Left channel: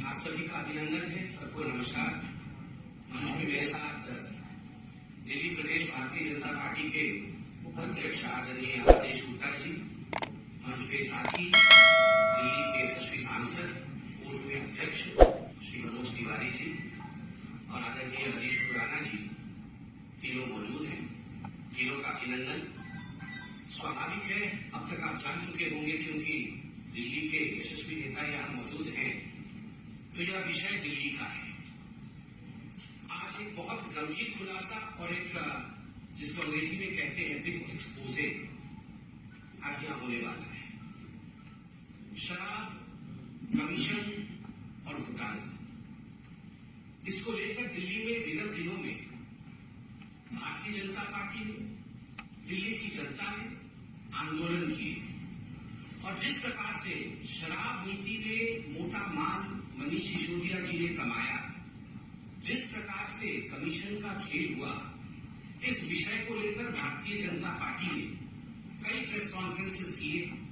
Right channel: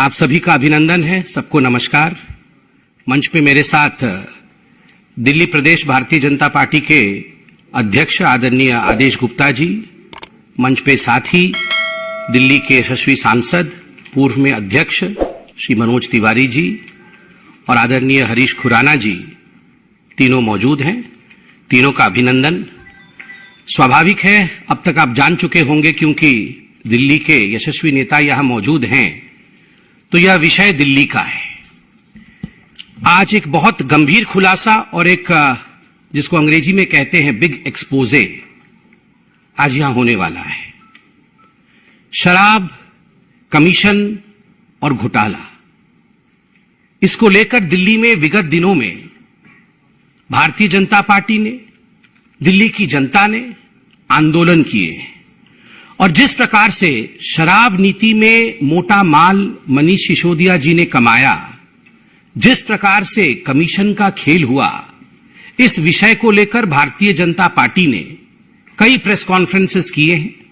आप सभी का अभिनंदन है, सबको नमस्कार। मंच पे मेरे साथ दिल्ली प्रदेश भारतीय जनता पार्टी के अध्यक्ष आदरणीय आदेश गुप्ता जी, मंच पे साथ ही दिल्ली के यशस्वी सांसद पूर्व में अध्यक्ष श्री मनोज तिवारी जी और आदरणीय हरीश खुराना जी, तीनों मौजूद हैं। तीनों का अभिनंदन। स्वाभाविक है, अब तक आप जान चुके होंगे क्योंकि दिल्ली के यशस्वी नेता यहां मौजूद हैं, तो यह विषय दिल्ली का है। आज एक बहुत गंभीर खुलासा और एक जिसको अंग्रेजी में कहते हैं बिग एक्सपोजे आज यहां होने वाला है। शराब, कमीशन और घोटाला, इसको लेकर दिल्ली में विगत दिनों में भारतीय जनता पार्टी ने, दिल्ली की जनता ने आंदोलन किए और जिस प्रकार से शराब नीति में मोटा माल मनीष सिसोदिया जी ने कमाया, जिस प्रकार से कमीशन का खेल हुआ, इस विषय को लेकर भारतीय जनता पार्टी ने कई प्रेस कॉन्फ्रेंसेस किए हैं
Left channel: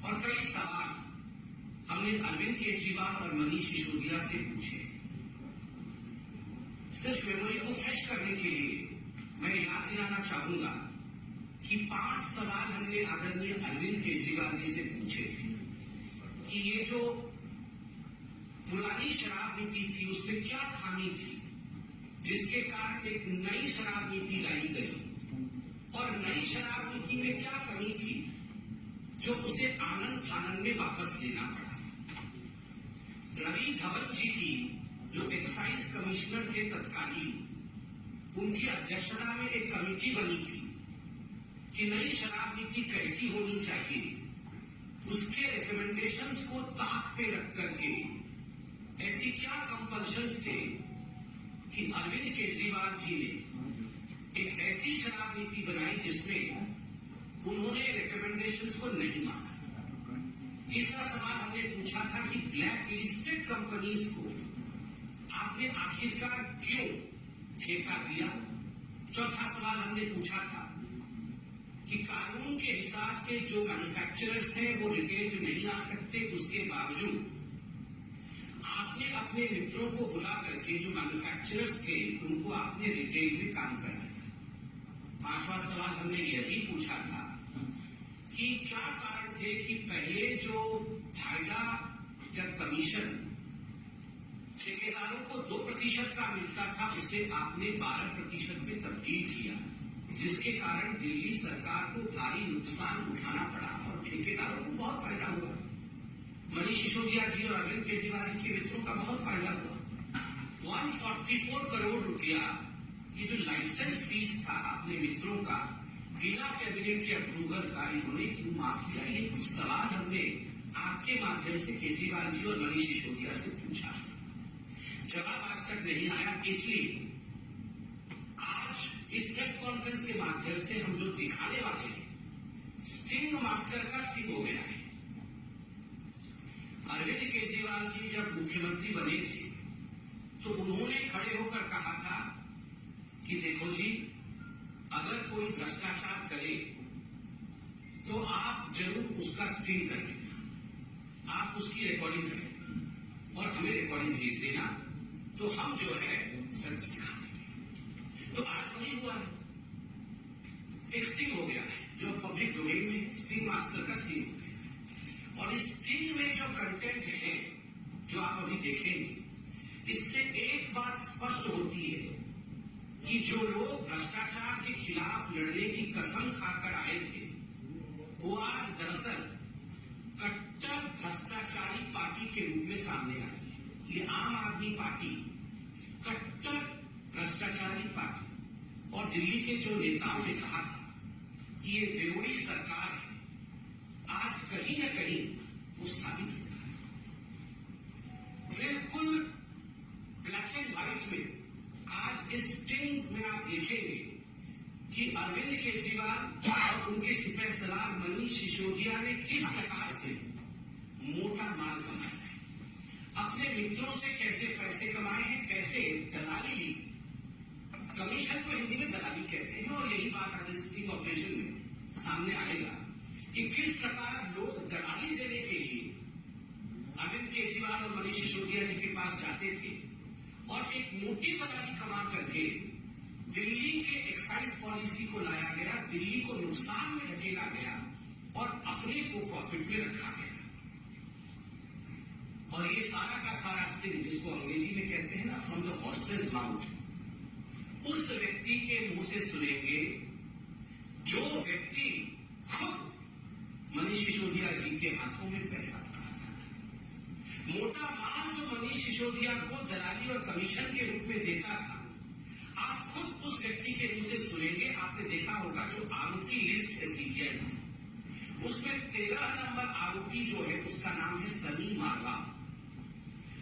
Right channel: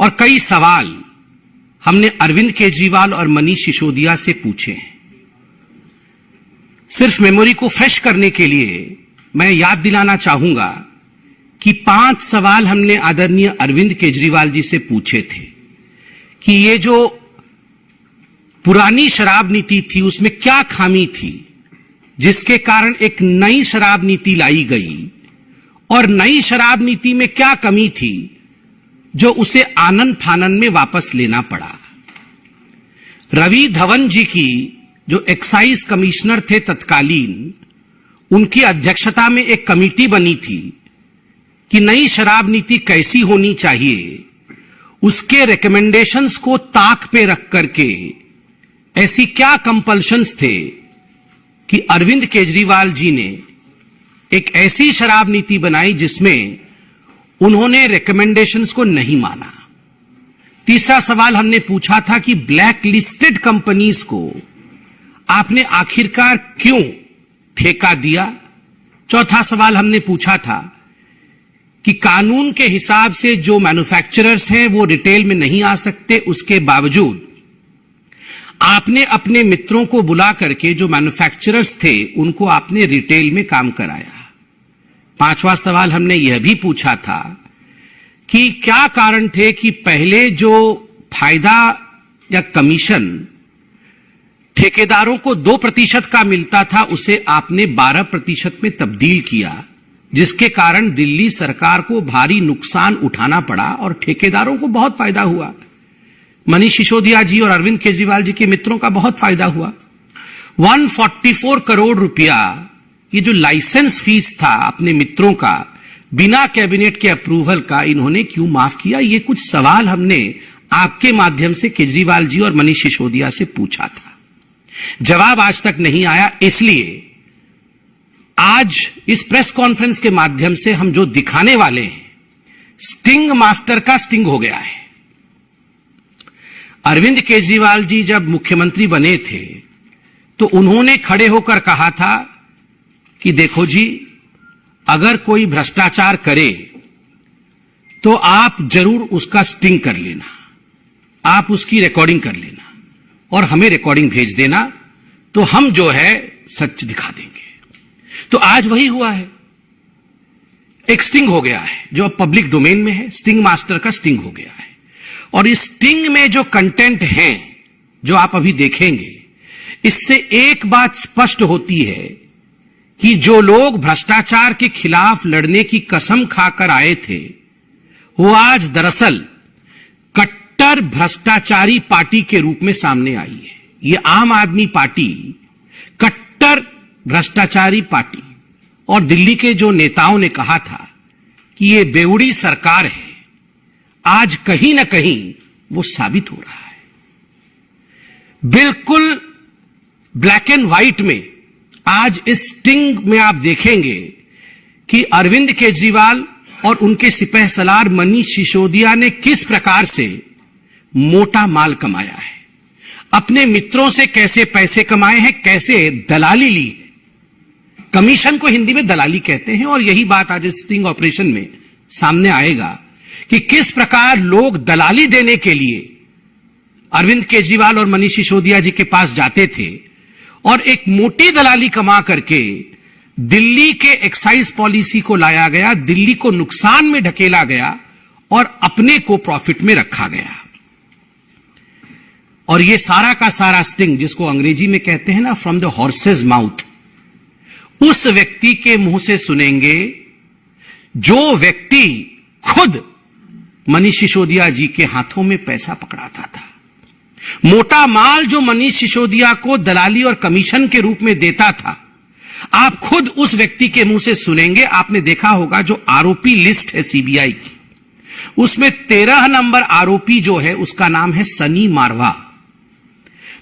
और कई सवाल हमने अरविंद केजरीवाल और मनीष सिसोदिया से पूछे हैं। सिर्फ मेमोरी को फ्रेश करने के लिए मैं याद दिलाना चाहूंगा कि 5 सवाल हमने आदरणीय अरविंद केजरीवाल जी से पूछे थे कि ये जो पुरानी शराब नीति थी उसमें क्या खामी थी जिसके कारण एक नई शराब नीति लाई गई, और नई शराब नीति में क्या कमी थी जो उसे आनन फानन में वापस लेना पड़ा। रवि धवन जी की जो एक्साइज कमिश्नर थे तत्कालीन, उनकी अध्यक्षता में एक कमेटी बनी थी कि नई शराब नीति कैसी होनी चाहिए, उसके रिकमेंडेशंस को ताक पे रख करके ऐसी क्या कंपल्शंस थे कि अरविंद केजरीवाल जी ने एक ऐसी शराब नीति बनाई जिसमें उन्होंने रिकमेंडेशंस को नहीं माना। तीसरा सवाल हमने पूछा था कि ब्लैक लिस्टेड कंपनीज को आपने आखिरकार क्यों ठेका दिया। चौथा सवाल हमने पूछा था कि कानून के हिसाब से जो मैन्युफैक्चरर्स हैं वो रिटेल में नहीं आ सकते, उसके बावजूद आपने अपने मित्रों को बुला करके जो मैन्युफैक्चरर्स थे उनको आपने रिटेल में काम कराया। पांचवा सवाल हमने यह भी पूछा था कि क्या कारण थे कि पहले जो फायदा या कमीशन ठेकेदारों को 2% का मिलता था उसे आपने 12% में तब्दील किया, जिसके कारण दिल्ली सरकार को भारी नुकसान उठाना पड़ा और ठेकेदारों को बहुत फायदा हुआ। मनीष सिसोदिया जी और अरविंद केजरीवाल जी के मित्रों का बहुत फायदा हुआ। 144 करोड़ रुपया ये जो लाइसेंस फीस था अपने मित्रों का, बिना कैबिनेट के अप्रूवल का, इन्होंने क्यों माफ किया। ये कुछ सवाल हमने आपके माध्यम से केजरीवाल जी और मनीष सिसोदिया से पूछा था, जवाब आज तक नहीं आया। इसलिए आज इस प्रेस कॉन्फ्रेंस के माध्यम से हम जो दिखाने वाले हैं, स्टिंग मास्टर का स्टिंग हो गया है। अरविंद केजरीवाल जी जब मुख्यमंत्री बने थे तो उन्होंने खड़े होकर कहा था कि देखो जी, अगर कोई भ्रष्टाचार करे तो आप जरूर उसका स्टिंग कर लेना, आप उसकी रिकॉर्डिंग कर लेना और हमें रिकॉर्डिंग भेज देना, तो हम जो है सच दिखा देंगे। तो आज वही हुआ है, एक स्टिंग हो गया है जो अब पब्लिक डोमेन में है, स्टिंग मास्टर का स्टिंग हो गया है। और इस स्टिंग में जो कंटेंट है जो आप अभी देखेंगे, इससे एक बात स्पष्ट होती है कि जो लोग भ्रष्टाचार के खिलाफ लड़ने की कसम खाकर आए थे, वो आज दरअसल कट्टर भ्रष्टाचारी पार्टी के रूप में सामने आई है। ये आम आदमी पार्टी कट्टर भ्रष्टाचारी पार्टी, और दिल्ली के जो नेताओं ने कहा था कि ये बेवड़ी सरकार है, आज कहीं ना कहीं वो साबित हो रहा है। बिल्कुल ब्लैक एंड व्हाइट में आज इस स्टिंग में आप देखेंगे कि अरविंद केजरीवाल और उनके सिपह सलार मनीष सिसोदिया ने किस प्रकार से मोटा माल कमाया है, अपने मित्रों से कैसे पैसे कमाए हैं, कैसे दलाली ली है। कमीशन को हिंदी में दलाली कहते हैं और यही बात आज स्टिंग ऑपरेशन में सामने आएगा कि किस प्रकार लोग दलाली देने के लिए अरविंद केजरीवाल और मनीष सिसोदिया जी के पास जाते थे और एक मोटी दलाली कमा करके दिल्ली के एक्साइज पॉलिसी को लाया गया, दिल्ली को नुकसान में ढकेला गया और अपने को प्रॉफिट में रखा गया। और ये सारा का सारा स्टिंग, जिसको अंग्रेजी में कहते हैं ना फ्रॉम द हॉर्सेज माउथ, उस व्यक्ति के मुंह से सुनेंगे जो व्यक्ति खुद मनीष सिसोदिया जी के हाथों में पैसा पकड़ाता था। मोटा माल जो मनीष सिसोदिया को दलाली और कमीशन के रूप में देता था, आप खुद उस व्यक्ति के मुंह से सुनेंगे। आपने देखा होगा जो आरोपी लिस्ट है सीबीआई की, उसमें 13 नंबर आरोपी जो है उसका नाम है सनी मारवा।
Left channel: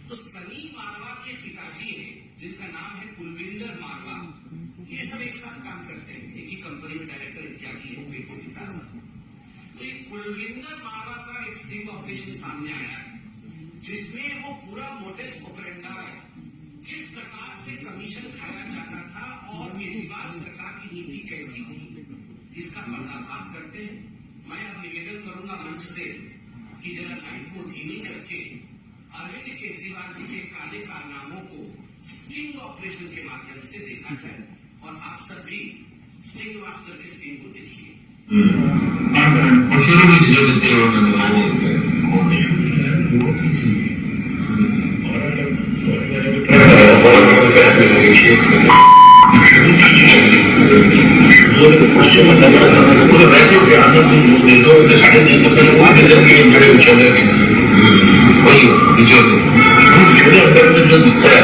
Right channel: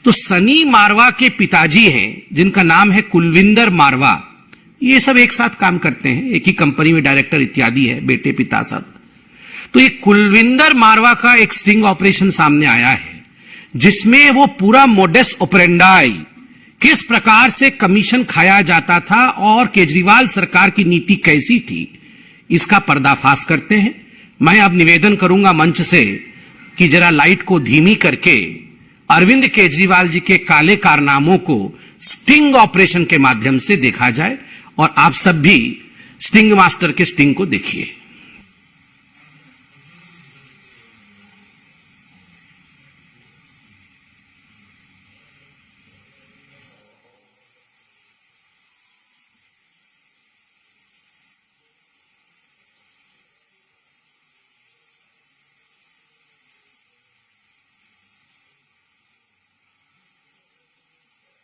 तो सनी मारवा के पिताजी हैं जिनका नाम है कुलविंदर मारवा। ये सब एक साथ काम करते हैं, एक ही कंपनी में डायरेक्टर इत्यादि है, बेटे पिता सब। तो ये कुलविंदर मारवा का एक स्टिंग ऑपरेशन सामने आया है जिसमें वो पूरा मोडस ऑपरेंडाई, किस प्रकार से कमीशन खाया जाता था और केजरीवाल सरकार की नीति कैसी थी, इसका पर्दाफाश करते हैं। मैं अब निवेदन करूंगा मंच से कि जरा लाइट को धीमी करके अरविंद केजरीवाल जी के काले कारनामों को स्टिंग ऑपरेशन के माध्यम से देखा जाए और आप सब भी स्टिंग मास्टर के स्टिंग को देखिए। वैसे ध्यान दे दो, साढ़े 3 बड़े उछाले वही बिचौले अंदर में जो दिखता है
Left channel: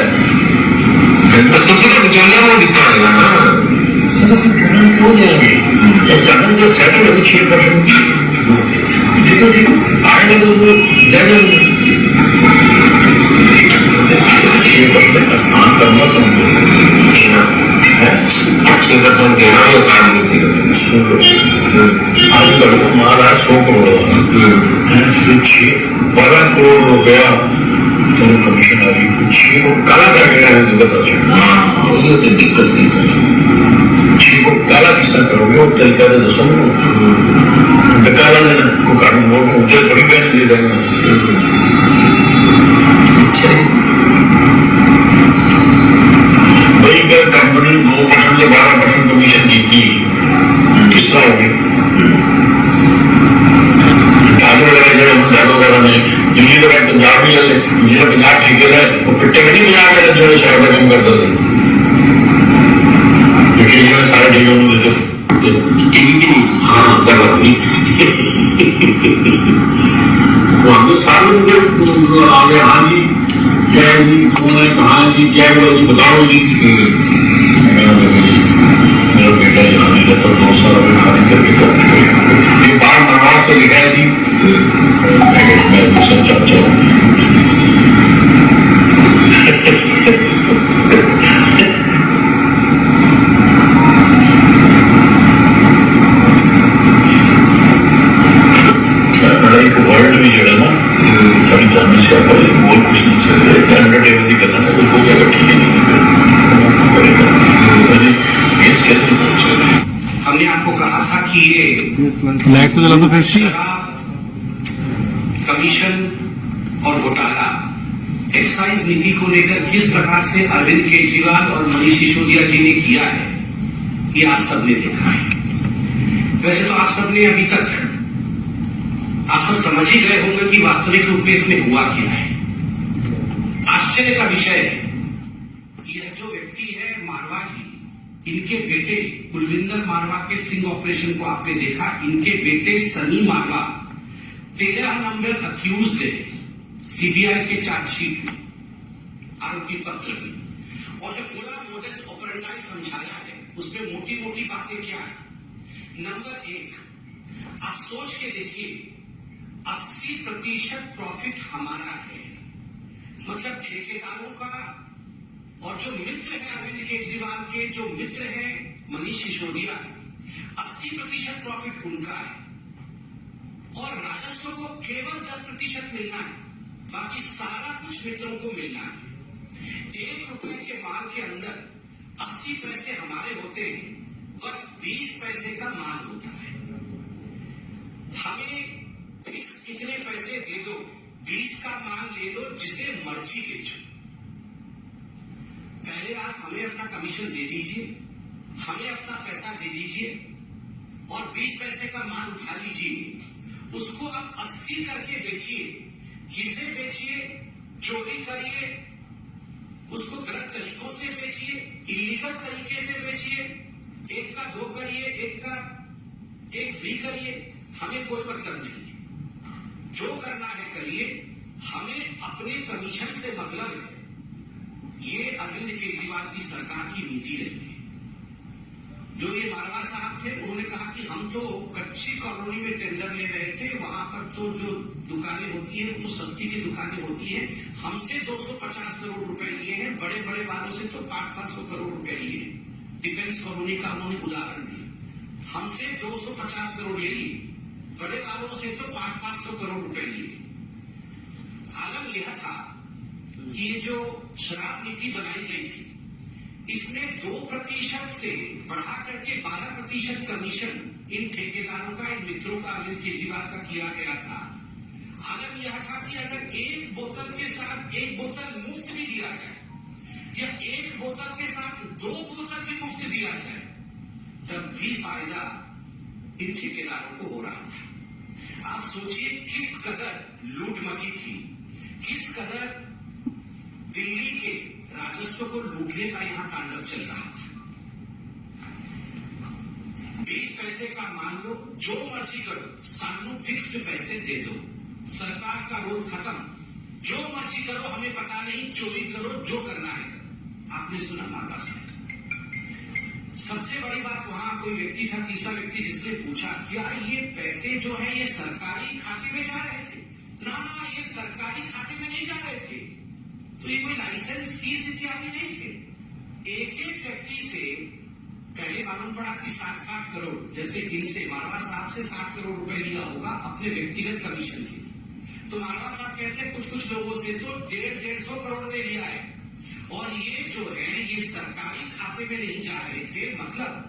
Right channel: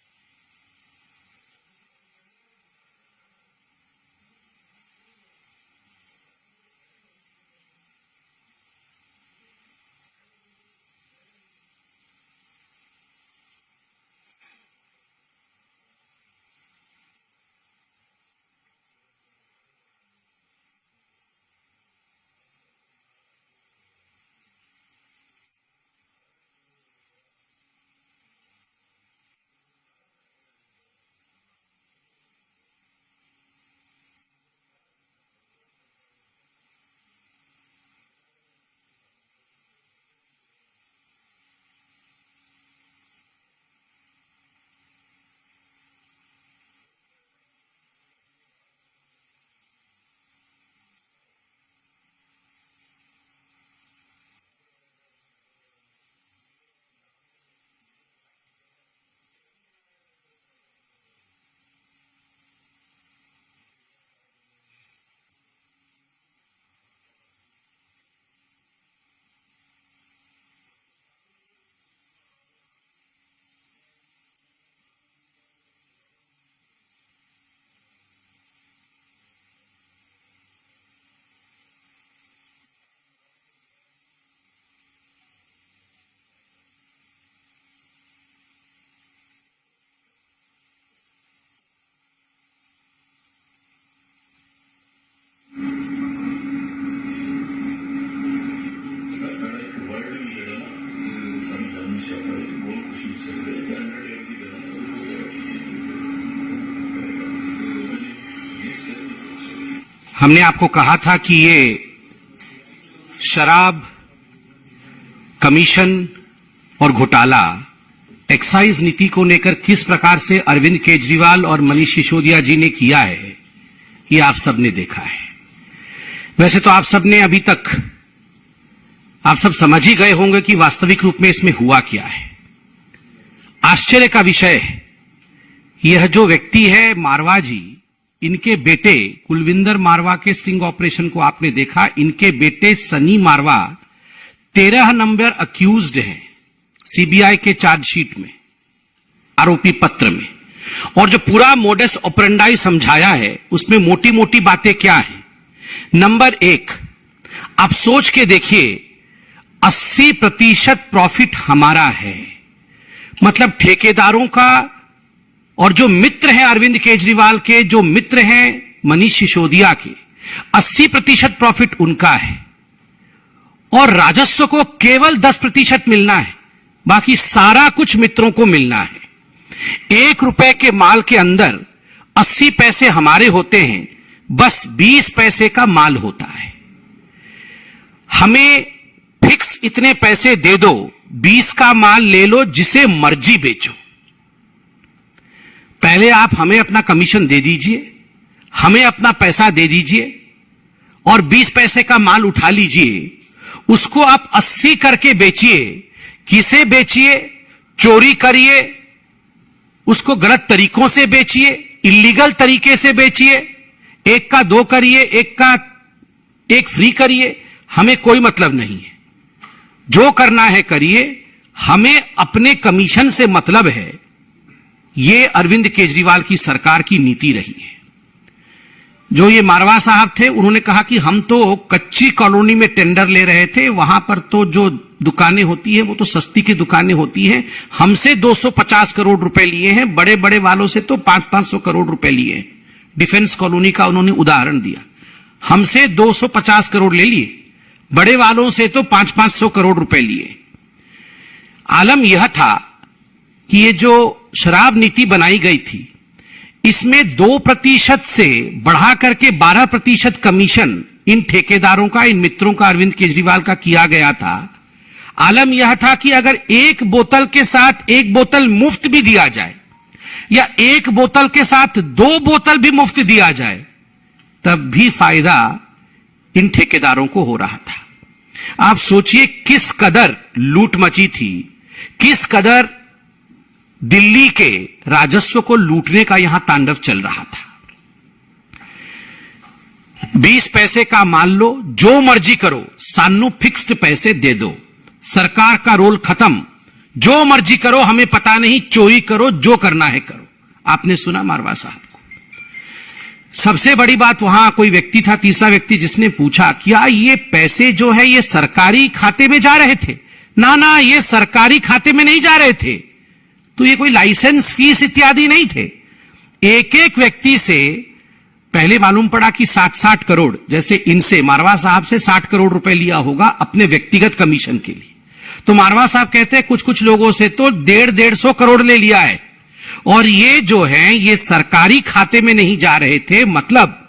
तो सीधा बिचौलिया वो दिखता है ना। सडन क्यों जाएंगे? सडन जो सेटल है 6% आएंगे तो ले जाएंगे। 6% आसान करना समझो, 6% देना ये काम नहीं थी। आज लड़कों माल है 100 करोड़, 12 करोड़ रुपया कमीशन आ रही, कुछ को काला करके तो दिक्कत सी को काला किस तरह करोगे और तरीका तो दसो। काला को कारण वो मुझे बड़ी बहन दे देगा। भाई अगर कंपनी 2% या 12% कमीशन देगी किस तरह होगी? दिल्ली तो पंजाब भी ले, मुझे 50 ठेके है वो पिट्टे में नहीं 50 जो शहर में काम करता था, क्योंकि सारे ठेके हाँ गलत नहीं तो हमने सारे आगे। हाँ जी क्या है जी, कौन है, कहाँ है जी, क्या हुआ जी, बताओ जी। मेरा बेटा यहाँ नहीं रहता, 2 साल में खाली करके ये बार नमाज तो लिखा है जी। मैं सच्चा वर्ल्ड भी जो है ना सारी जानने से आता है, बहुत कुछ नहीं चाहिए, एंटरटेनमेंट ही करना है, कोई अगर ठीक नहीं करेगा। हमने आपको कहा था कि ये शराब, कमीशन और घोटाला, एक्साइज नीति को लेकर किस प्रकार से अरविंद केजरीवाल और मनीष सिसोदिया जी ने किया है, ये आप सबने देखा है। वैसे तो आप सबने अभी तक आप सब समझ ही गए होंगे कि वास्तविक रूप में इसमें हुआ क्या है। आश्चर्य का विषय है, यह जो व्यक्ति है मारवा जी, इनके बेटे कुलविंदर मारवा के स्टिंग ऑपरेशन को आपने देखा। इनके बेटे सनी मारवा 13 नंबर अक्यूज्ड है सीबीआई के चार्जशीट में, आरोपी पत्र में। और जो पूरा मोडस ऑपरेंडाई समझाया है उसमें मोटी मोटी बातें क्या है। नंबर 1, आप सोच के देखिए, 80% प्रॉफिट हमारा है, मतलब ठेकेदारों का, और जो मित्र हैं अरविंद केजरीवाल के, जो मित्र हैं मनीष सिसोदिया के, 80% प्रॉफिट उनका है। और राजस्व को केवल 10% मिलना है, बाकी सारा कुछ मित्रों को मिलना है। 1 रुपए के माल के अंदर 80 पैसे हमारे होते हैं, बस 20 पैसे का माल होता है। हमें फिक्स इतने पैसे दे दो, 20 का माल ले लो, जिसे मर्जी बेचो। पहले आप हमें अपना कमीशन दे दीजिए, हमें अपना पैसा दे दीजिए और 20 पैसे का माल उठा लीजिए, उसको आप 80 करके बेचिए। किसे बेचिए? चोरी करिए, उसको गलत तरीकों से बेचिए, इलीगल तरीके से बेचिए, एक का 2 करिए, एक फ्री करिए, हमें कोई मतलब नहीं है। जो करना है करिए, हमें अपने कमीशन से मतलब है। ये अरविंद केजरीवाल की सरकार की नीति रही है। जो ये मारवा साहब थे, उन्होंने कहा कि हम तो कच्ची कॉलोनी में टेंडर ले रहे थे, वहां पर तो जो दुकानें होती हैं वो तो सस्ती की दुकानें होती हैं, हमसे 250 करोड़ रुपए लिए हैं, बड़े बड़े वालों से तो 500-500 करोड़ रुपए लिए हैं। डिफेंस कॉलोनी का उन्होंने उदाहरण दिया। हमसे 250 करोड़ ले लिए, बड़े वालों से तो 500-500 करोड़ रुपए लिए। आलम यह था कि ये जो शराब नीति बनाई गई थी, इसमें 2% से बढ़ा करके 12% कमीशन इन ठेकेदारों का, इन मित्रों का, अरविंद केजरीवाल का किया गया था। आलम यह था कि अगर एक बोतल के साथ एक बोतल मुफ्त भी दिया जाए या एक बोतल के साथ 2 बोतल भी मुफ्त दिया जाए, तब भी फायदा इन ठेकेदारों को हो रहा था। आप सोचिए किस कदर लूट मची थी, किस कदर दिल्ली के राजस्व को लूटने का यहां तांडव चल रहा था। 20 पैसे का मान लो, जो मर्जी करो, सानू फिक्स्ड पैसे दे दो, सरकार का रोल खत्म, जो मर्जी करो, हमें पता नहीं, चोरी करो, जो करना है करो। आपने सुना मारवा साहब को। सबसे बड़ी बात, वहां कोई व्यक्ति था, तीसरा व्यक्ति, जिसने पूछा क्या ये पैसे जो है ये सरकारी खाते में जा रहे थे? ना, ये सरकारी खाते में नहीं जा रहे थे, तो ये कोई लाइसेंस फीस इत्यादि नहीं थे। एक एक व्यक्ति से पहले मालूम पड़ा कि 60-60 करोड़, जैसे इनसे मारवा साहब से 60 करोड़ रुपए लिया होगा अपने व्यक्तिगत कमीशन के लिए। तो मारवा साहब कहते हैं कुछ लोगों से तो 150-150 करोड़ ले लिया है, और ये जो है ये सरकारी खाते में नहीं जा रहे थे, मतलब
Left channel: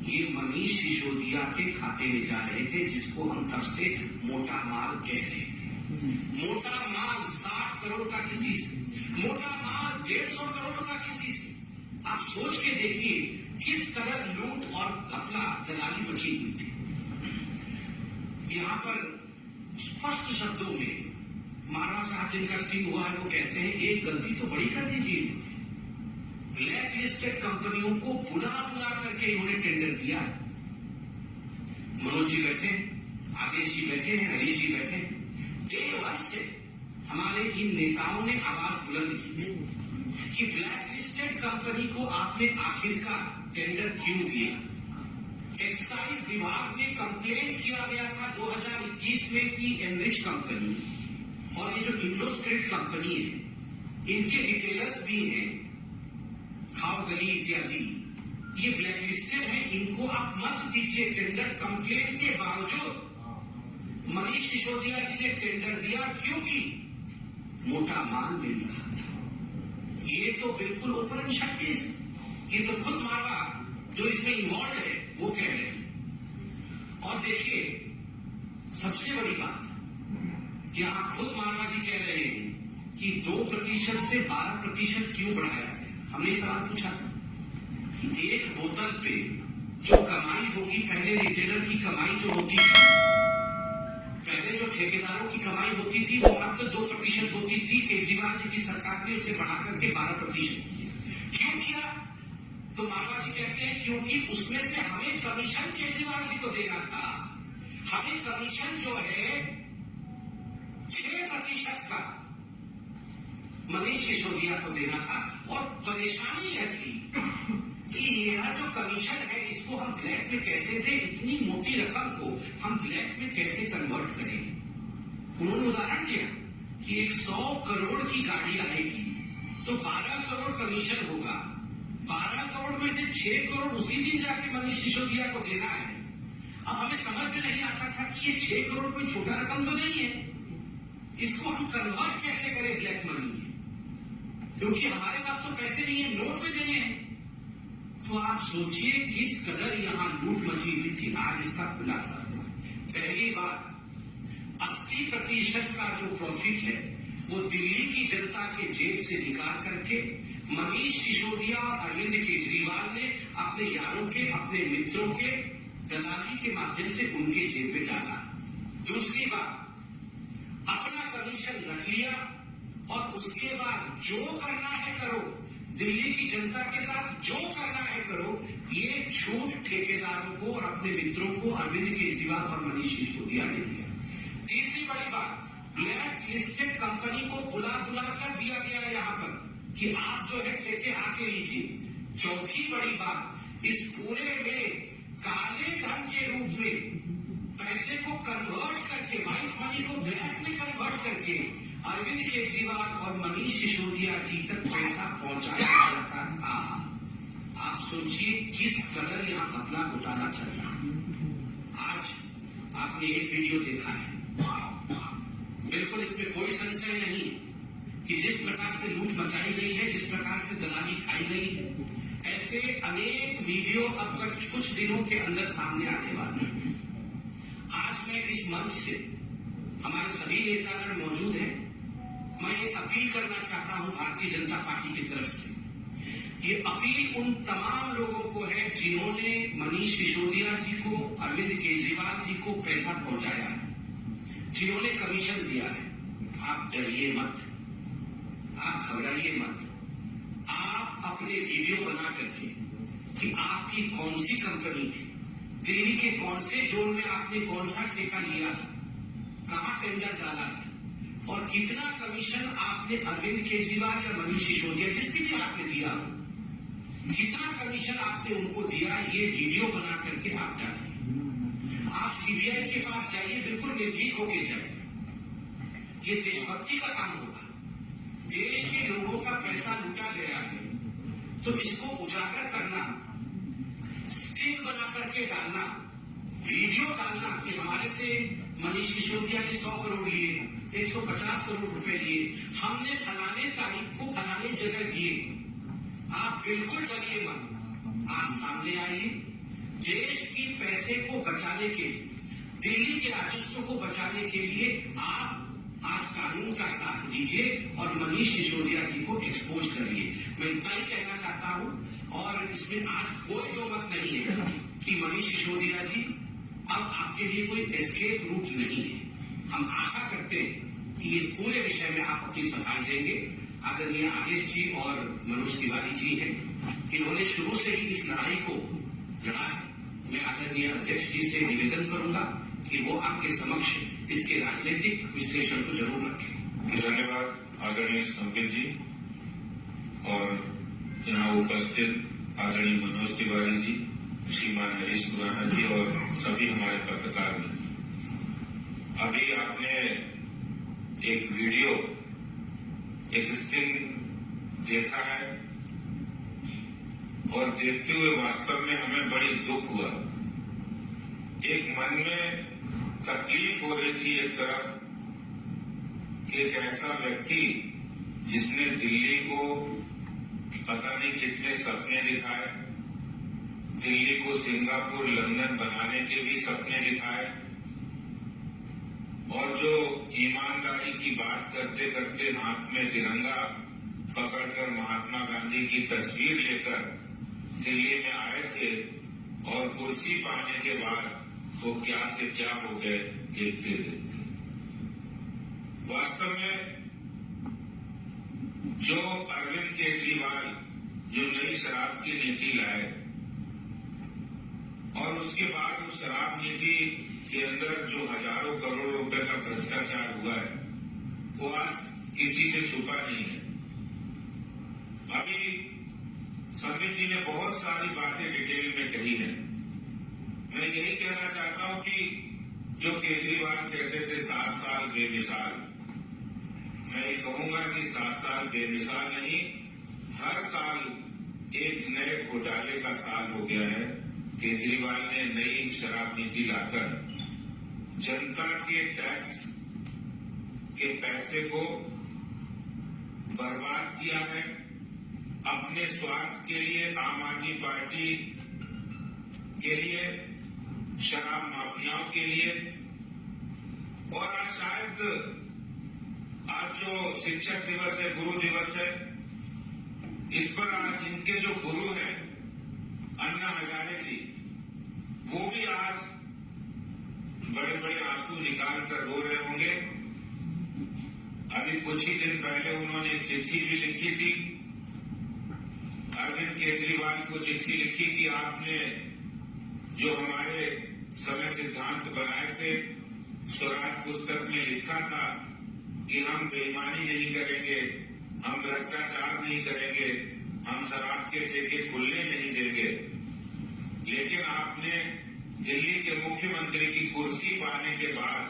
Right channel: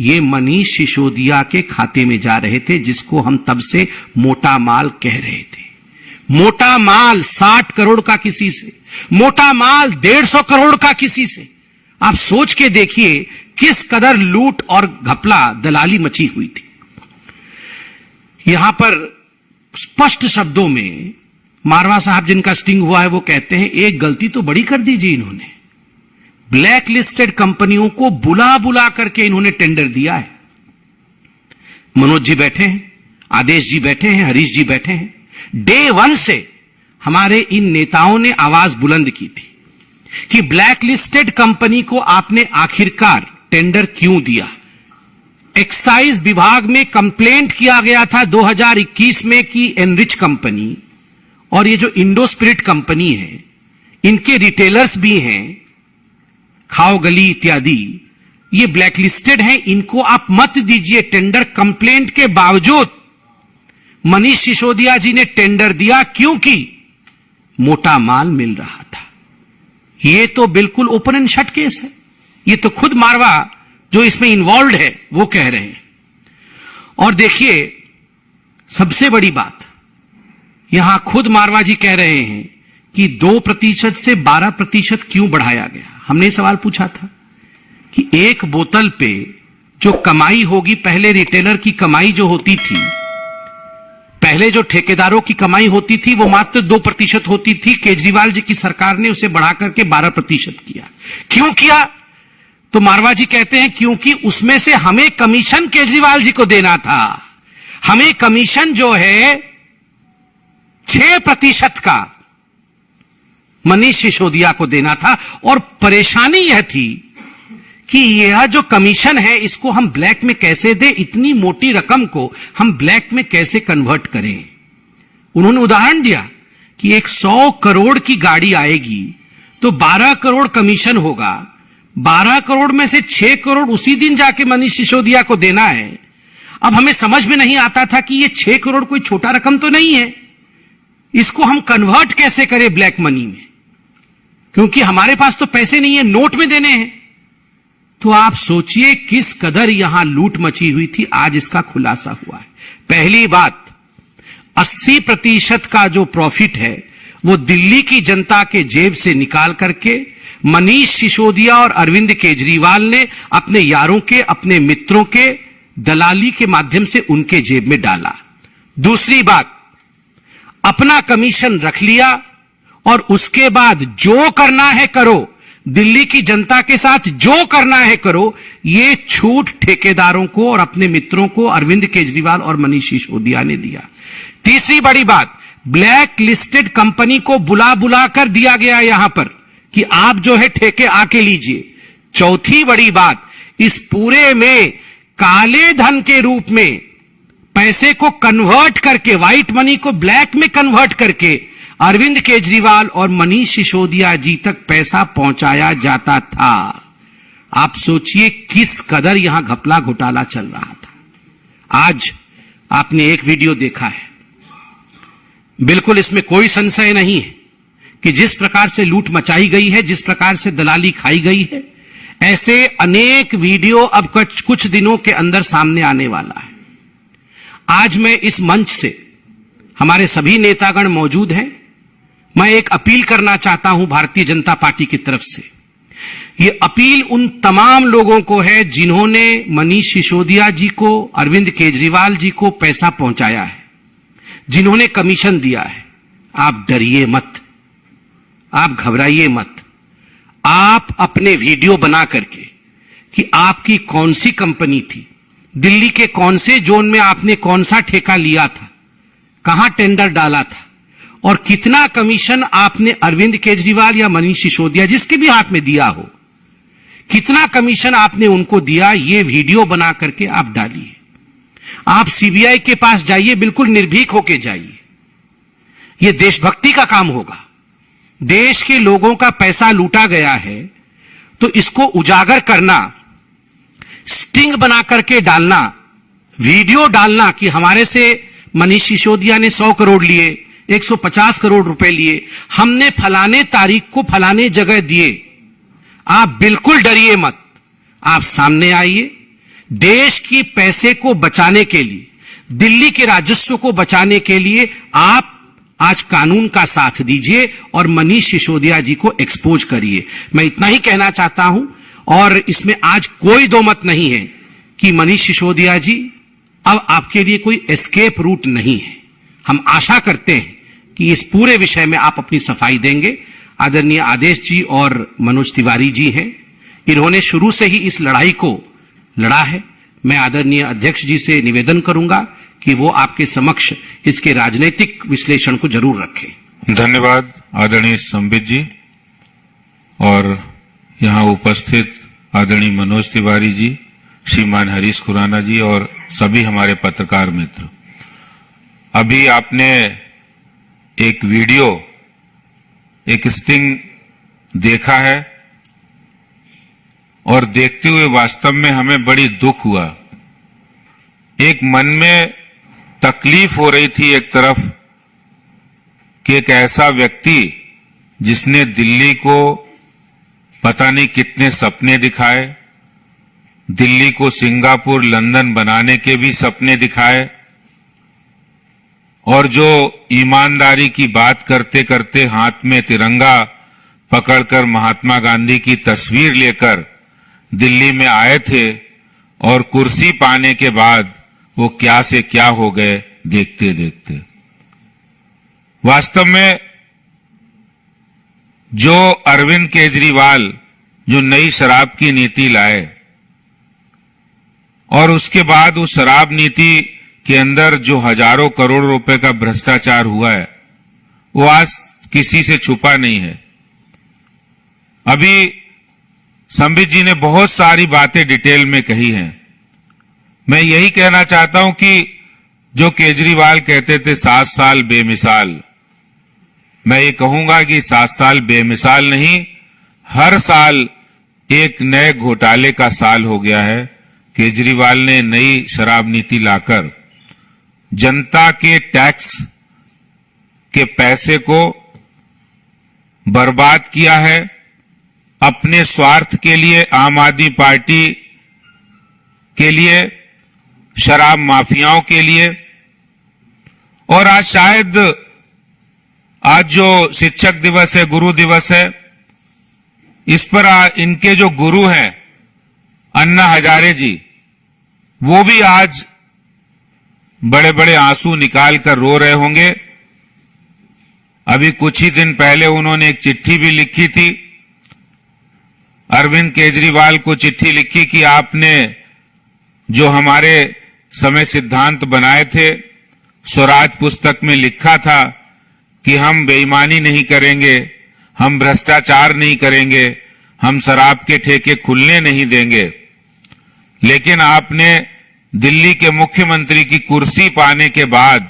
ये मनीष सिसोदिया के खाते में जा रहे थे, जिसको हम तब से मोटा माल कह रहे थे। मोटा माल 60 करोड़ का किसी से, मोटा माल 150 करोड़ का किसी से। आप सोच के देखिए किस कदर लूट और घपला, दलाली मची हुई थी। यहां पर स्पष्ट शब्दों में मारवा साहब, जिनका स्टिंग हुआ है, वो कहते हैं एक गलती तो बड़ी कर दी जी इन्होंने, ब्लैक लिस्टेड कंपनियों को बुला बुला करके इन्होंने टेंडर दिया है। मनोज जी बैठे हैं, आदेश जी बैठे हैं, हरीश जी बैठे हैं। डे 1 से हमारे इन नेताओं ने आवाज बुलंद की थी कि ब्लैक लिस्टेड कंपनी को आपने आखिरकार टेंडर क्यों दिया। एक्साइज विभाग में कंप्लेंट किया गया था 2021 में कि एनरिच कंपनी और ये जो इंडो स्पिरिट कंपनी है, इनके रिटेलर्स भी हैं, खाओ गली इत्यादि, ये ब्लैक लिस्टेड हैं, इनको आप मत दीजिए टेंडर। कंप्लेंट के बावजूद मनीष सिसोदिया जी ने टेंडर दिया, क्योंकि मोटा माल मिल रहा था। ये तो बिल्कुल ओपन एंड शट केस है। ये तो खुद मारवा जो इसमें इन्वॉल्व है वो कह रहे हैं। और देखिए सबसे बड़ी बात, यहां खुद मारवा जी कह रहे हैं कि 2% से 12% क्यों बढ़ाया गया। हमने सवाल पूछा था कि एक बोतल पे जो कमाई होगी, पहले रिटेलर की कमाई जो होती थी, पहले जो ठेकेदारों की कमाई होती थी वो मात्र 2% होती थी। केजरीवाल जी की सरकार ने उसे बढ़ा करके 12% किया। क्यों किया? तो मारवा जी कहते हैं क्योंकि उसमें से हमें कमीशन केजरीवाल जी को देना था। हमें कमीशन जो है 6% का मनीष सिसोदिया को देना था। और परेशानी यह थी कि यह जो कमीशन है इसको हम ब्लैक में कैसे दें, इतनी मोटी रकम को हम ब्लैक में कैसे कन्वर्ट करें। उन्होंने उदाहरण दिया कि 100 करोड़ की गाड़ी आएगी तो 12 करोड़ कमीशन होगा, 12 करोड़ में से 6 करोड़ उसी दिन जाके मनीष सिसोदिया को देना है। अब हमें समझ में नहीं आता था कि ये 6 करोड़ कोई छोटा रकम तो नहीं है, इसको हम कन्वर्ट कैसे करें ब्लैक मनी में, क्योंकि हमारे पास तो पैसे नहीं है, नोट में देने हैं। तो आप सोचिए किस कदर यहां लूट मची हुई थी। आज इसका खुलासा हुआ है। पहली बात, 80% का जो प्रॉफिट है वो दिल्ली की जनता के जेब से निकाल करके मनीष सिसोदिया और अरविंद केजरीवाल ने अपने यारों के, अपने मित्रों के दलाली के माध्यम से उनके जेब में डाला। दूसरी बात, अपना कमीशन रख लिया और उसके बाद जो करना है करो, दिल्ली की जनता के साथ जो करना है करो, ये छूट ठेकेदारों को और अपने मित्रों को अरविंद केजरीवाल और मनीष सिसोदिया ने दिया। तीसरी बड़ी बात, ब्लैक लिस्टेड कंपनी को बुला बुला कर दिया गया यहां पर कि आप जो है ठेके आके लीजिए। चौथी बड़ी बात, इस पूरे में काले धन के रूप में पैसे को कन्वर्ट करके, व्हाइट मनी को ब्लैक में कन्वर्ट करके अरविंद केजरीवाल और मनीष सिसोदिया जी तक पैसा पहुंचाया जाता था। आप सोचिए किस कदर यहां घपला घोटाला चल रहा था। आज आपने एक वीडियो देखा है, बिल्कुल इसमें कोई संशय नहीं है कि जिस प्रकार से लूट मचाई गई है, जिस प्रकार से दलाली खाई गई है, ऐसे अनेक वीडियो अब कुछ दिनों के अंदर सामने आने वाला है। आज मैं इस मंच से, हमारे सभी नेतागण मौजूद हैं, मैं एक अपील करना चाहता हूं भारतीय जनता पार्टी की तरफ से। यह अपील उन तमाम लोगों को है जिन्होंने मनीष सिसोदिया जी को, अरविंद केजरीवाल जी को पैसा पहुंचाया है, जिन्होंने कमीशन दिया है। आप डरिए मत, आप घबराइए मत। आप अपने वीडियो बना करके कि आपकी कौन सी कंपनी थी, दिल्ली के कौन से जोन में आपने कौन सा ठेका लिया था, कहां टेंडर डाला था और कितना कमीशन आपने अरविंद केजरीवाल या मनीष सिसोदिया, जिसके भी हाथ में दिया हो, कितना कमीशन आपने उनको दिया, ये वीडियो बना करके आप डालिए। आप सीबीआई के पास जाइए, बिल्कुल निर्भीक होके जाइए। यह देशभक्ति का काम होगा। देश के लोगों का पैसा लूटा गया है तो इसको उजागर करना, स्टिंग बना करके डालना, वीडियो डालना कि हमारे से मनीष सिसोदिया ने 100 करोड़ लिए, 150 करोड़ रुपए लिए, हमने फलाने तारीख को फलाने जगह दिए। आप बिल्कुल डरिए मत, आप सामने आइए। देश की पैसे को बचाने के लिए, दिल्ली के राजस्व को बचाने के लिए आप आज कानून का साथ दीजिए और मनीष सिसोदिया जी को एक्सपोज करिए। मैं इतना ही कहना चाहता हूं और इसमें आज कोई दो मत नहीं है कि मनीष सिसोदिया जी अब आपके लिए कोई एस्केप रूट नहीं है। हम आशा करते हैं कि इस पूरे विषय में आप अपनी सफाई देंगे। आदरणीय आदेश जी और मनोज तिवारी जी हैं, इन्होंने शुरू से ही इस लड़ाई को लड़ा है। मैं आदरणीय अध्यक्ष जी से निवेदन करूंगा कि वो आपके समक्ष इसके राजनीतिक विश्लेषण को जरूर रखें। धन्यवाद आदरणीय संबित जी और यहाँ उपस्थित आदरणीय मनोज तिवारी जी, श्रीमान हरीश खुराना जी और सभी हमारे पत्रकार मित्र। अभी आपने एक वीडियो, एक स्टिंग देखा है और देखते हुए वास्तव में हमें बड़ी दुख हुआ। एक मन में तकलीफ हो रही थी एक तरफ कि एक ऐसा व्यक्ति जिसने दिल्ली को पता नहीं कितने सपने दिखाए, दिल्ली को सिंगापुर, लंदन बनाने के भी सपने दिखाए और जो ईमानदारी की बात करते करते हाथ में तिरंगा पकड़कर महात्मा गांधी की तस्वीर लेकर दिल्ली में आए थे और कुर्सी पाने के बाद वो क्या से क्या हो गए देखते देखते। वास्तव में जो अरविंद केजरीवाल जो नई शराब की नीति लाए और उसके बाद उस शराब नीति के अंदर जो हजारों करोड़ रुपए का भ्रष्टाचार हुआ है वो आज किसी से छुपा नहीं है। अभी संबित जी ने बहुत सारी बातें डिटेल में कही हैं। मैं यही कहना चाहता हूं कि जो केजरीवाल कहते थे 7 साल बेमिसाल, मैं ये कहूंगा कि 7 साल बेमिसाल नहीं, हर साल एक नए घोटाले का साल हो गया है। केजरीवाल ने नई शराब नीति लाकर जनता के टैक्स के पैसे को बर्बाद किया है अपने स्वार्थ के लिए, आम आदमी पार्टी के लिए, शराब माफियाओं के लिए। और आज शायद आज जो शिक्षक दिवस है, गुरु दिवस है, इस पर इनके जो गुरु हैं अन्ना हजारे जी, वो भी आज बड़े बड़े आंसू निकाल कर रो रहे होंगे। अभी कुछ ही दिन पहले उन्होंने एक चिट्ठी भी लिखी थी, अरविंद केजरीवाल को चिट्ठी लिखी कि आपने जो हमारे समय सिद्धांत बनाए थे, स्वराज पुस्तक में लिखा था कि हम बेईमानी नहीं करेंगे, हम भ्रष्टाचार नहीं करेंगे, हम शराब के ठेके खुलने नहीं देंगे। लेकिन आपने दिल्ली के मुख्यमंत्री की कुर्सी पाने के बाद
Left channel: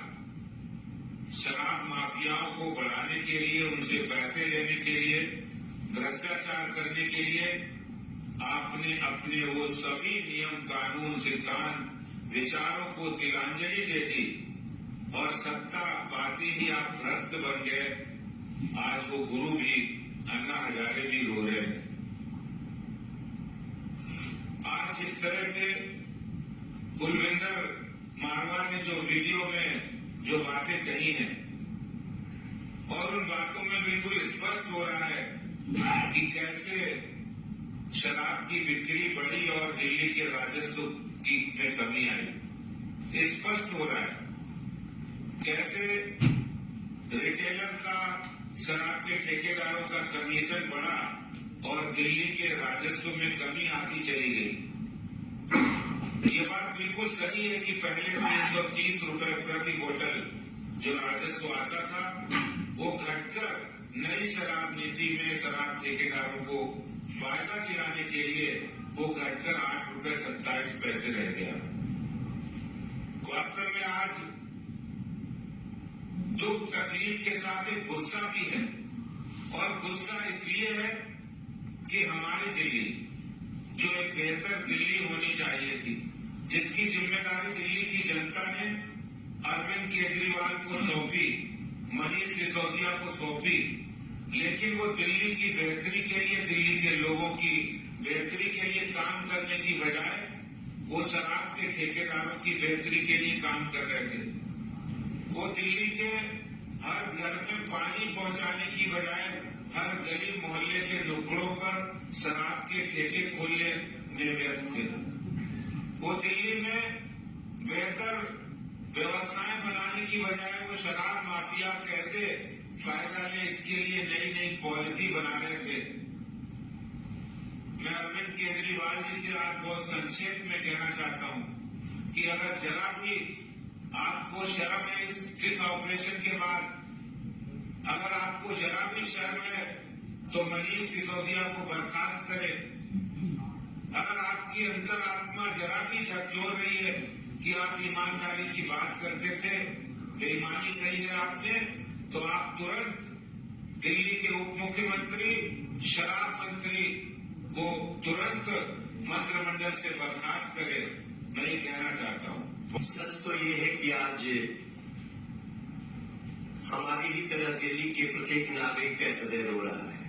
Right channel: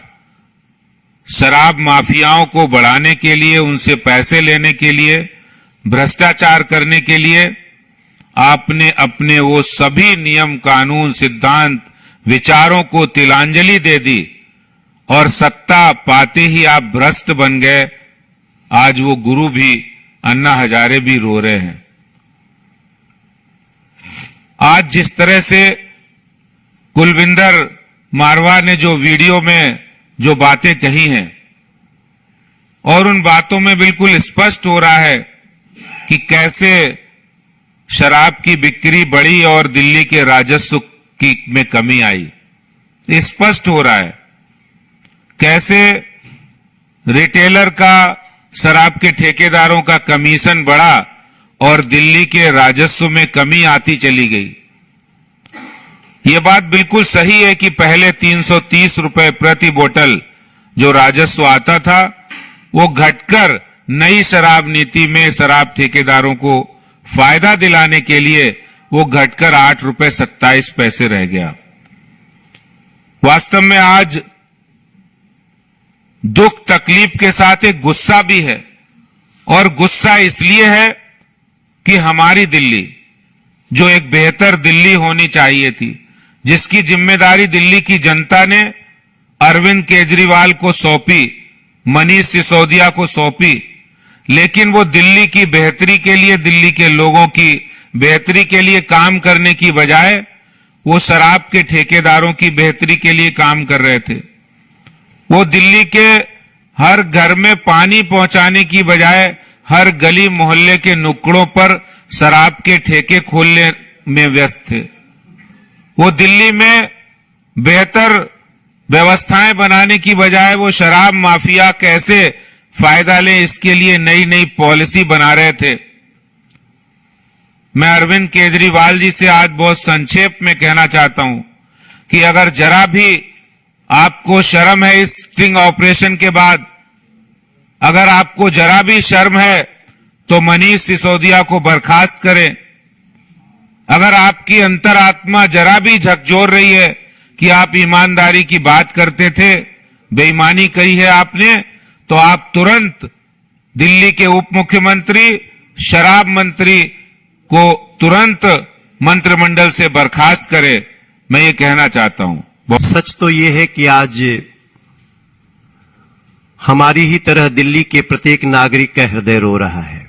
शराब माफियाओं को बढ़ाने के लिए, उनसे पैसे लेने के लिए, भ्रष्टाचार करने के लिए आपने अपने वो सभी नियम, कानून, सिद्धांत, विचारों को तिलांजलि दे दी और सत्ता पाते ही आप भ्रष्ट बन गए। आज वो गुरु भी, अन्ना हजारे भी रो रहे हैं। आज जिस तरह से कुलविंदर मारवा ने जो वीडियो में जो बातें कही हैं, और उन बातों में बिल्कुल स्पष्ट हो रहा है कि कैसे शराब की बिक्री बढ़ी और दिल्ली के राजस्व की में कमी आई। स्पष्ट हो रहा है कैसे रिटेलर का, शराब के ठेकेदारों का कमीशन बढ़ा और दिल्ली के राजस्व में कमी आती चली गई। ये बात बिल्कुल सही है कि पहले 330 रुपए प्रति बोतल जो राजस्व आता था, वो घटकर नई शराब नीति में शराब ठेकेदारों को फायदा दिलाने के लिए वो घटकर 8 रुपए 27 पैसे रह गया। वास्तव में आज दुख तकलीफ के साथ एक गुस्सा भी है, और गुस्सा इसलिए है कि हमारी दिल्ली, जो एक बेहतर दिल्ली होनी चाहिए थी, जिसकी जिम्मेदारी दिल्ली की जनता ने अरविंद केजरीवाल को सौंपी, मनीष सिसोदिया को सौंपी, लेकिन वो दिल्ली की बेहतरी के लिए, दिल्ली के लोगों की बेहतरी के लिए काम करने की बजाय वो शराब के ठेकेदारों की बेहतरी के लिए काम कर रहे थे। वो दिल्ली के हर घर में पानी पहुंचाने की बजाय हर गली मोहल्ले के नुक्कड़ों पर शराब के ठेके खोलने में व्यस्त थे। वो दिल्ली में बेहतर व्यवस्थाएं बनाने की बजाय वो शराब माफिया कैसे फायदा ले, इसके लिए नई नई पॉलिसी बना रहे थे। मैं अरविंद केजरीवाल जी से आज बहुत संक्षेप में कहना चाहता हूं कि अगर जरा भी आपको शर्म है इस स्टिंग ऑपरेशन के बाद, अगर आपको जरा भी शर्म है तो मनीष सिसोदिया को बर्खास्त करें। अगर आपकी अंतरात्मा जरा भी झकझोर रही है कि आप ईमानदारी की बात करते थे, बेईमानी करी है आपने, तो आप तुरंत दिल्ली के उप मुख्यमंत्री, शराब मंत्री को तुरंत मंत्रिमंडल से बर्खास्त करें। मैं ये कहना चाहता हूं। सच तो ये है कि आज हमारी ही तरह दिल्ली के प्रत्येक नागरिक का हृदय रो रहा है।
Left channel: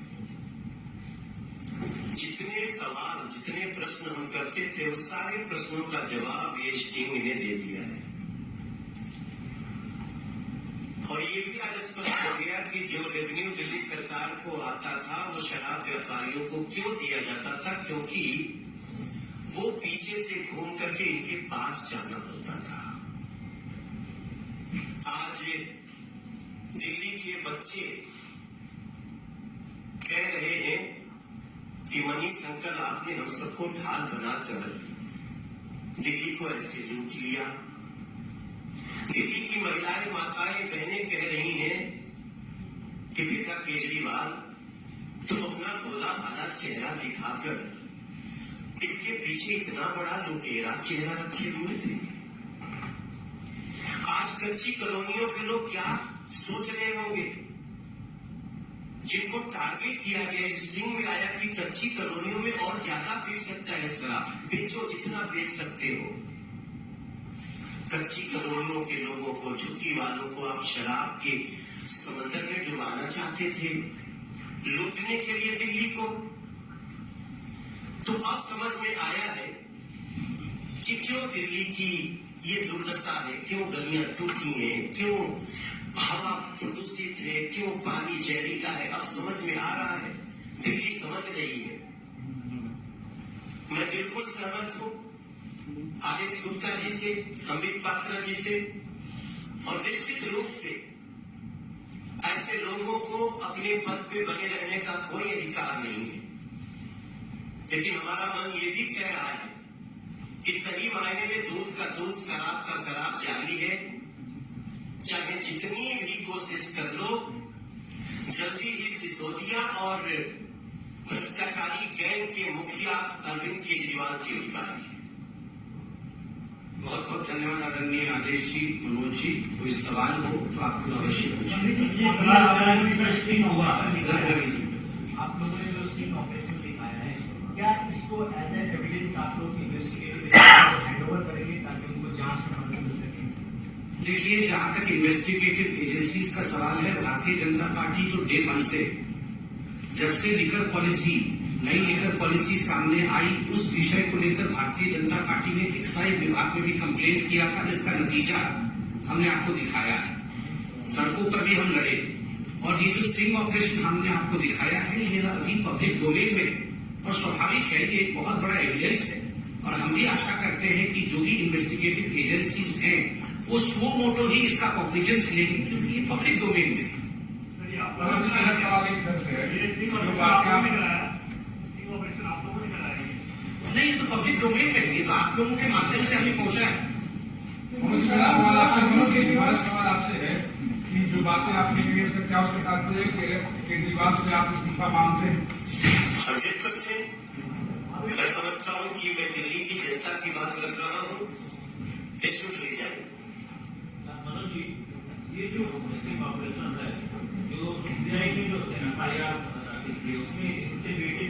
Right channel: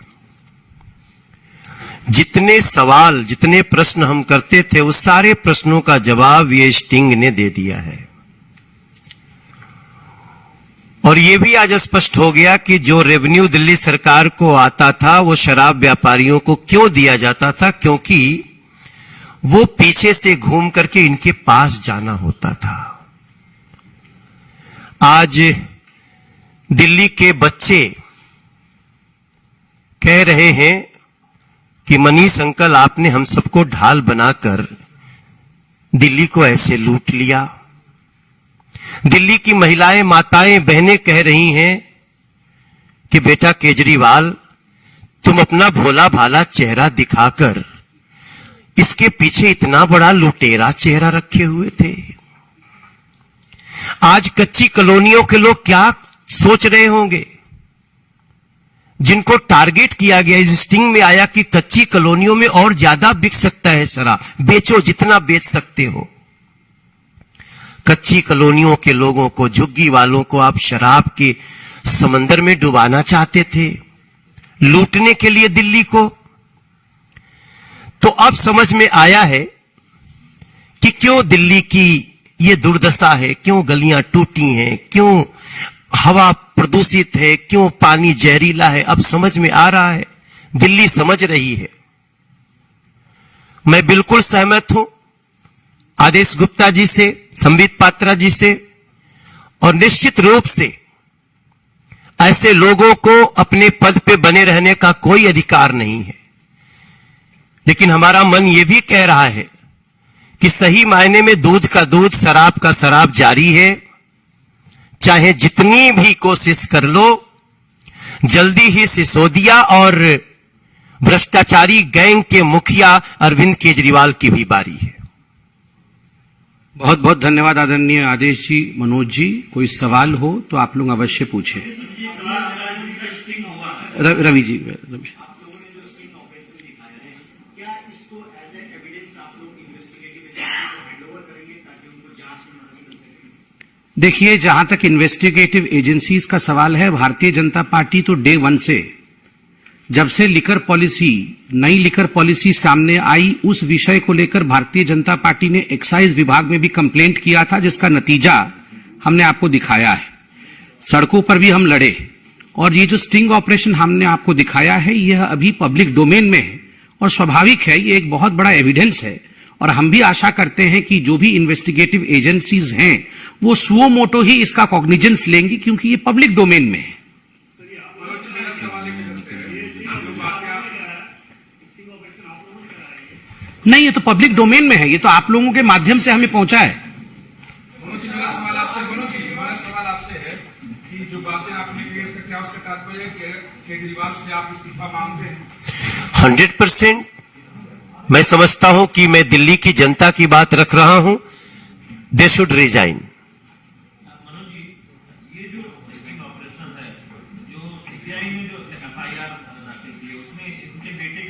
जितने सवाल, जितने प्रश्न हम करते थे, उस सारे प्रश्नों का जवाब ये स्टिंग ने दे दिया है। और ये भी आज स्पष्ट हो गया कि जो रेवेन्यू दिल्ली सरकार को आता था, वो शराब व्यापारियों को क्यों दिया जाता था, क्योंकि वो पीछे से घूम करके इनके पास जाना होता था। आज दिल्ली के बच्चे कह रहे हैं कि मनीष अंकल, आपने हम सबको ढाल बनाकर दिल्ली को ऐसे लूट लिया। दिल्ली की महिलाएं, माताएं, बहनें कह रही हैं कि बेटा केजरीवाल, तुम अपना भोला भाला चेहरा दिखाकर इसके पीछे इतना बड़ा लुटेरा चेहरा रखे हुए थे। आज कच्ची कॉलोनियों के लोग क्या सोच रहे होंगे, जिनको टारगेट किया गया, इस स्टिंग में आया कि कच्ची कॉलोनियों में और ज्यादा बिक सकता है शराब, बेचो जितना बेच सकते हो। कच्ची कॉलोनियों के लोगों को, झुग्गी वालों को आप शराब के समंदर में डुबाना चाहते थे, लूटने के लिए दिल्ली को। तो अब समझ में आया है कि क्यों दिल्ली की ये दुर्दशा है, क्यों गलियां टूटी हैं, क्यों हवा प्रदूषित है, क्यों पानी जहरीला है, अब समझ में आ रहा है, दिल्ली समझ रही है। मैं बिल्कुल सहमत हूं आदेश गुप्ता जी से, संबित पात्रा जी से, और निश्चित रूप से ऐसे लोगों को अपने पद पे बने रहने का कोई अधिकार नहीं है। लेकिन हमारा मन यह भी कह रहा है कि सही मायने में दूध का दूध, शराब का शराब जारी है। चाहे जितनी भी कोशिश कर लो, जल्दी ही सिसोदिया और भ्रष्टाचारी गैंग के मुखिया अरविंद केजरीवाल की भी बारी है। बहुत बहुत धन्यवाद आदरणीय आदेश जी। मनोज जी, कोई सवाल हो तो आप लोग अवश्य पूछें। रवि जी, देखिए, जहां तक इन्वेस्टिगेटिव एजेंसीज का सवाल है, भारतीय जनता पार्टी तो डे वन से, जब से लिकर पॉलिसी, नई लिकर पॉलिसी सामने आई, उस विषय को लेकर भारतीय जनता पार्टी ने एक्साइज विभाग में भी कंप्लेंट किया था, जिसका नतीजा हमने आपको दिखाया है। सड़कों पर भी हम लड़े, और ये जो स्टिंग ऑपरेशन हमने आपको दिखाया है, यह अभी पब्लिक डोमेन में है और स्वाभाविक है, ये एक बहुत बड़ा एविडेंस है। और हम भी आशा करते हैं कि जो भी इन्वेस्टिगेटिव एजेंसीज हैं वो सुओ मोटो ही इसका कॉग्निजेंस लेंगी, क्योंकि ये पब्लिक डोमेन में है। नहीं, ये तो पब्लिक डोमेन में है, ये तो आप लोगों के माध्यम से हमें पहुंचा है। मेरा सवाल आपसे है कि जो बातें आपने कही उसका क्या उसका तात्पर्य है कि केजरीवाल से आप इस्तीफा मांगते हैं? 100% मैं समझता हूं कि मैं दिल्ली की जनता की बात रख रहा हूं। They should resign. ये जो ऑपरेशन है, जो सीबीआई ने जो एफआईआर की उसमें इनके बेटे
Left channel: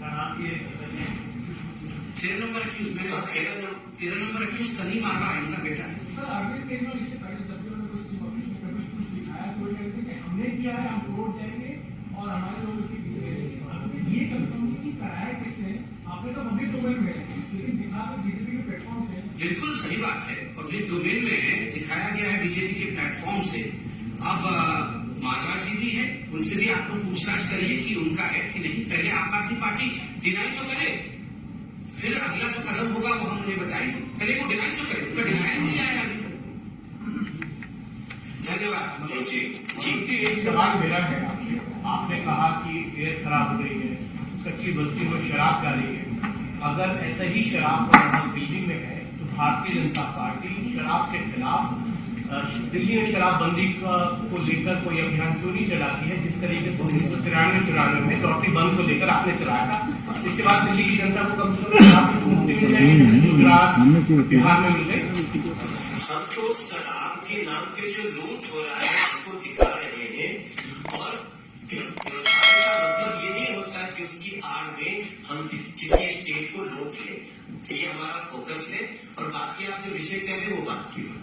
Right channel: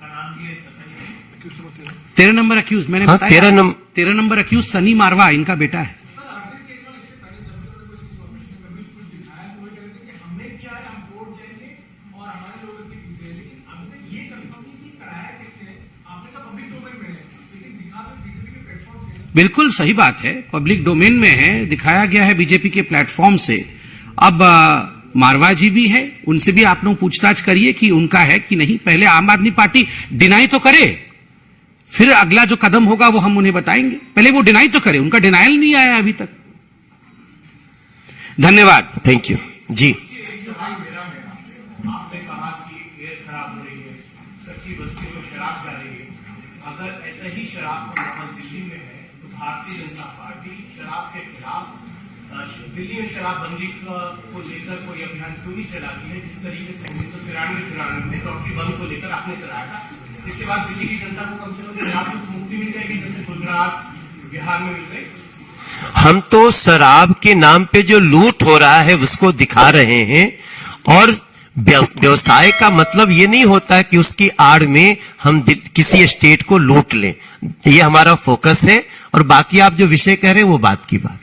का नाम ये 13 नंबर अक्यूज मैंने हाँ, बताया। 13 नंबर अक्यूज सनी मारवा इनका बेटा है। बिल्कुल सही बात है, पब्लिक डोमेन में है, दिखाया गया है बीजेपी के प्लेटफॉर्म से। अब मारवा जी भी है, उनसे भी आप लोग पूछताछ करिए कि उनका है कि नहीं। पहले आम आदमी पार्टी डिनाई तो करे, फिर अगला जो कदम होगा वो हम उन्हें बताएंगे। पहले वो डिनाई तो करे, उनका डिनाइल नहीं आया अभी तक। धन्यवाद। थैंक यू जी। एक सवाल मेरा है, आपने कहा कि एयर खराब हो रही है, कच्ची बस्ती में शराब जा रही है। अगर ऐसा ही शराब का माहौल दिल्ली में है तो भारतीय जनता पार्टी शराब के खिलाफ दिल्ली में शराबबंदी को लेकर कोई अभियान क्यों नहीं चलाती है, जिस तरीके से 1993-94 में लॉटरी बंद को लेकर आपने चलाया था। इसके बाद दिल्ली की जनता को कम से कम शराब से मुक्ति मिल जाएगी, गुजरात बिहार में मिल गई। हम तो शराब के नाम पे जो लूट हो रहा है उसको दिखा रहे हैं, और व्यवसाय का मतलब ये नहीं होता कि उसकी आड़ में हम किसी स्टेट को लूट लें। ये हमारा फोकस है, और बाकी आप जो विषय कह रहे हैं वो बात की बात।